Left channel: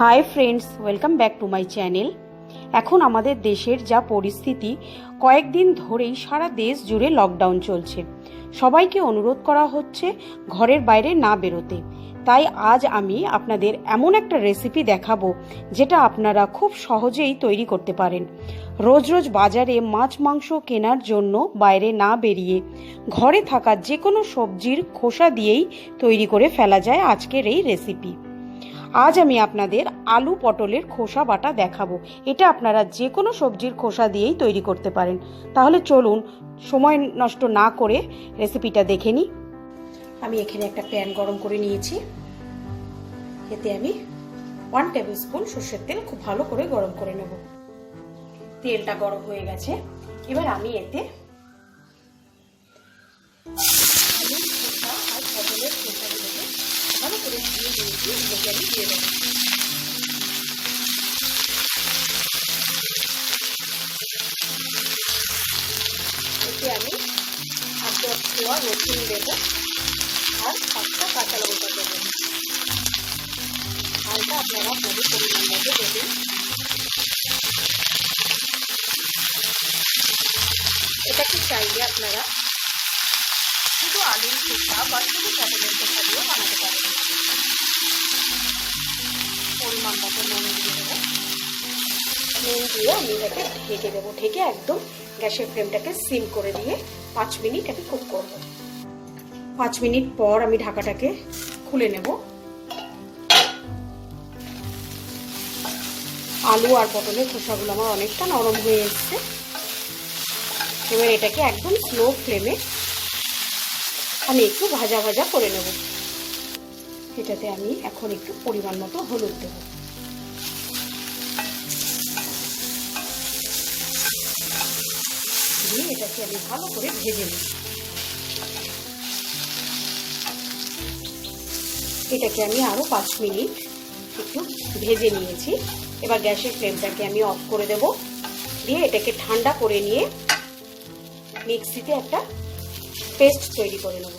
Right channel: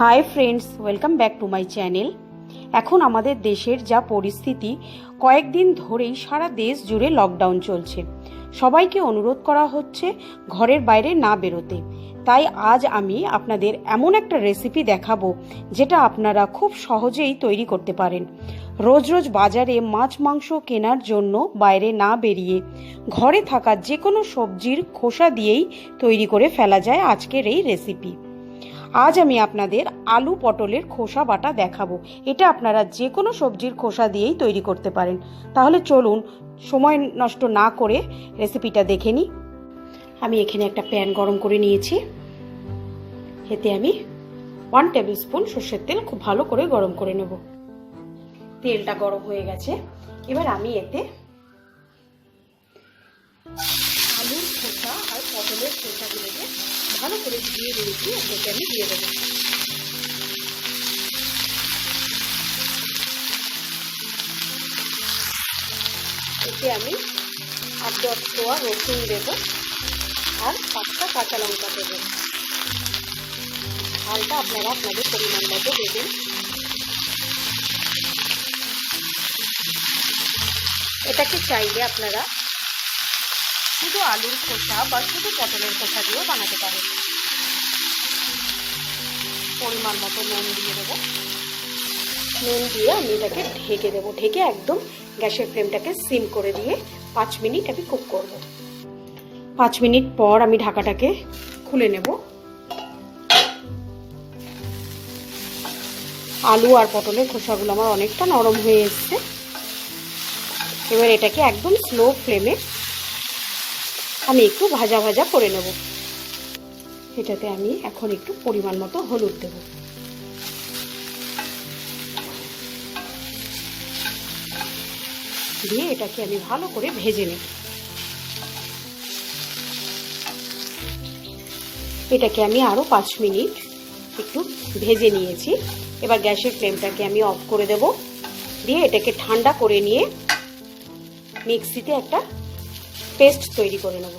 Hi friends, welcome back to my channel. এখন আমাদের দেশের যা পরিস্থিতি, কয়েকদিন ধরেই সারা দেশ জুড়ে লকডাউন চলছে। সবাইকে অনুরোধ করা হচ্ছে ঘরের বাইরে না বেরোতে। তাই আজ আমি আপনাদের এমন একটা রেসিপি দেখাবো যেটা আপনারা খুব সহজেই তৈরি করতে পারেন। রোজ রোজ বাজারে মাছ মাংস কেনার জন্য বাইরে না বেরিয়ে ঘরে থাকা যে কোনো সবজির খোসা দিয়েই তৈরি করে ফেলা যায় আজকের এই রেসিপি। আজ আমি আপনাদের আলু পটলের খোসা বাটা দেখাবো। এটা আপনারা যে কোনো সবজির খোসা দিয়েই তৈরি করতে পারেন। তাহলে চলুন সময় নষ্ট না করে রেসিপিটা দেখে নিই। আমি এখানে একটা প্যান গরম করে নিয়েছি। এতে আমি 1 টেবিল স্পুন সর্ষের তেল খুব ভালো করে গরম করে নেব। তেলটা গরম হয়ে গেছে। এবার আমি এতে আলুর খোসা আর পটলের খোসাগুলোকে ভালো করে ধুয়ে নিয়েছি, এগুলোকে আমি দিয়ে দেবো। এতে আমি 8-10 কোয়া রসুন দেবো আর 5টা কাঁচা লঙ্কা দেবো। ঝালটা আপনারা আপনাদের পরিমাণ মতো দেবেন। এটাকে চাইলে আপনারা শুধু আলুর খোসা বা শুধু পটলের খোসা দিয়ে বানাতে পারেন। পরিমাণ মতো নুন দিয়ে দেবো। নুন দিয়ে আমি এটাকে ঢেকে দেবো। ঢেকে একদম গ্যাসের ফ্লেমটাকে সিম করে দিয়ে 5 মিনিট আমি কুক করব। 5 মিনিট পর আমি ঢাকাটাকে খুলে নেব। আলু আর পটলের খোসাগুলো আমার অনেকটা নরম হয়ে এসছে। এবার এটাকে একদম স্লো ফ্লেমে আমি একটু ভাজা ভাজা করে নেব। এটাতে আমি এখন একটু পরিমাণ মতো হলুদ দেব। দিয়ে এটাকে আমি ভালো করে ভেজে নেব। এটাকে আমি আরো 5 মিনিট একটু ভেজে নিয়েছি। এবার গ্যাসের ফ্লেমটাকে আমি অফ করে দেব। দিয়ে এটাকে ঠান্ডা করে নিয়ে মিক্সিতে একটা পেস্ট তৈরি করে নেব।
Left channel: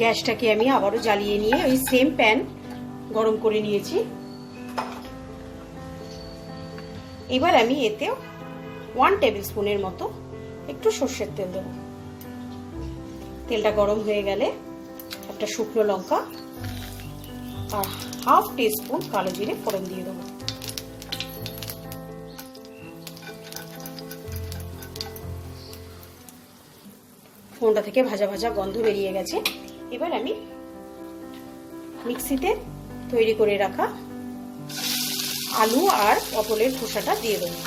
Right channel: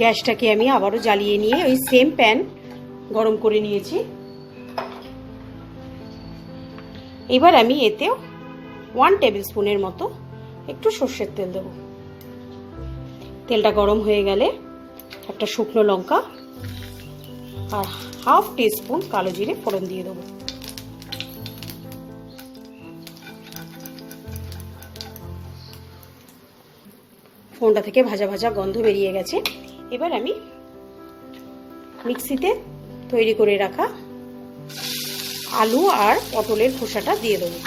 গ্যাসটাকে আমি আবারও জ্বালিয়ে নিয়ে ওই সেম প্যান গরম করে নিয়েছি। এবার আমি এতে 1 টেবিল স্পুনের মতো একটু সর্ষের তেল দেব। তেলটা গরম হয়ে গেলে একটা শুকনো লঙ্কা আর হাফ টিস্পুন কালো জিরে ফোড়ন দিয়ে দেবো। ফোড়নটা থেকে ভাজা ভাজা গন্ধ বেরিয়ে গেছে। এবার আমি মিক্সিতে তৈরি করে রাখা আলু আর পটলের খোসাটা দিয়ে দেবো।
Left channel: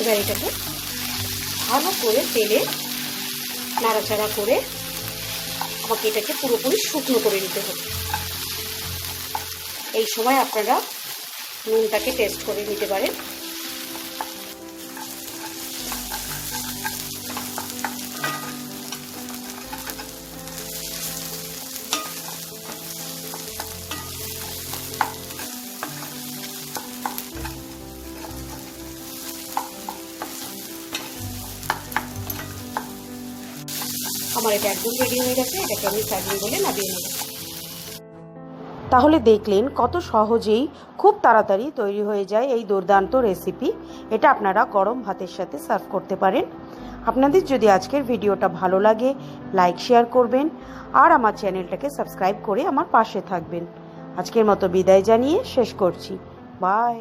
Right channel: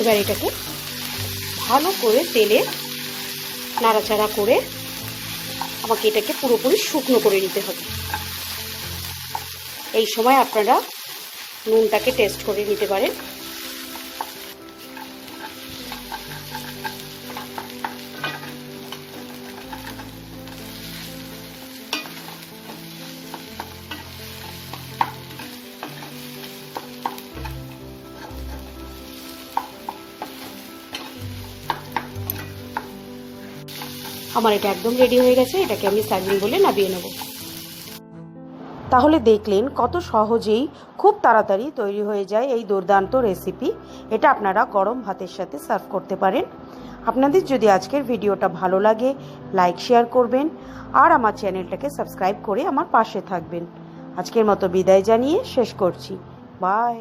এবার এটাকে ভালো করে তেলে নাড়াচাড়া করে আমাকে এটাকে পুরোপুরি শুকনো করে নিতে হবে। এই সময় আপনারা নুনটাকে টেস্ট করে নিতে পারেন। আমার এটা একদম রেডি হয়ে গেছে। এটাকে আমি সার্ভিং বলে নামিয়ে নেব। তাহলে দেখলেন কত সহজেই খুব তাড়াতাড়ি তৈরি হয়ে যায় এই দুর্দান্ত রেসিপি। এটা আপনারা গরম ভাতের সাথে সার্ভ করতে পারেন। আপনাদের যদি আজকের ভিডিওটা ভালো লাগে লাইক শেয়ার করবেন আর আমার চ্যানেলটাকে সাবস্ক্রাইব করে আমার পাশে থাকবেন। আজকের মতো বিদায় জানিয়ে শেষ করছি। বাই।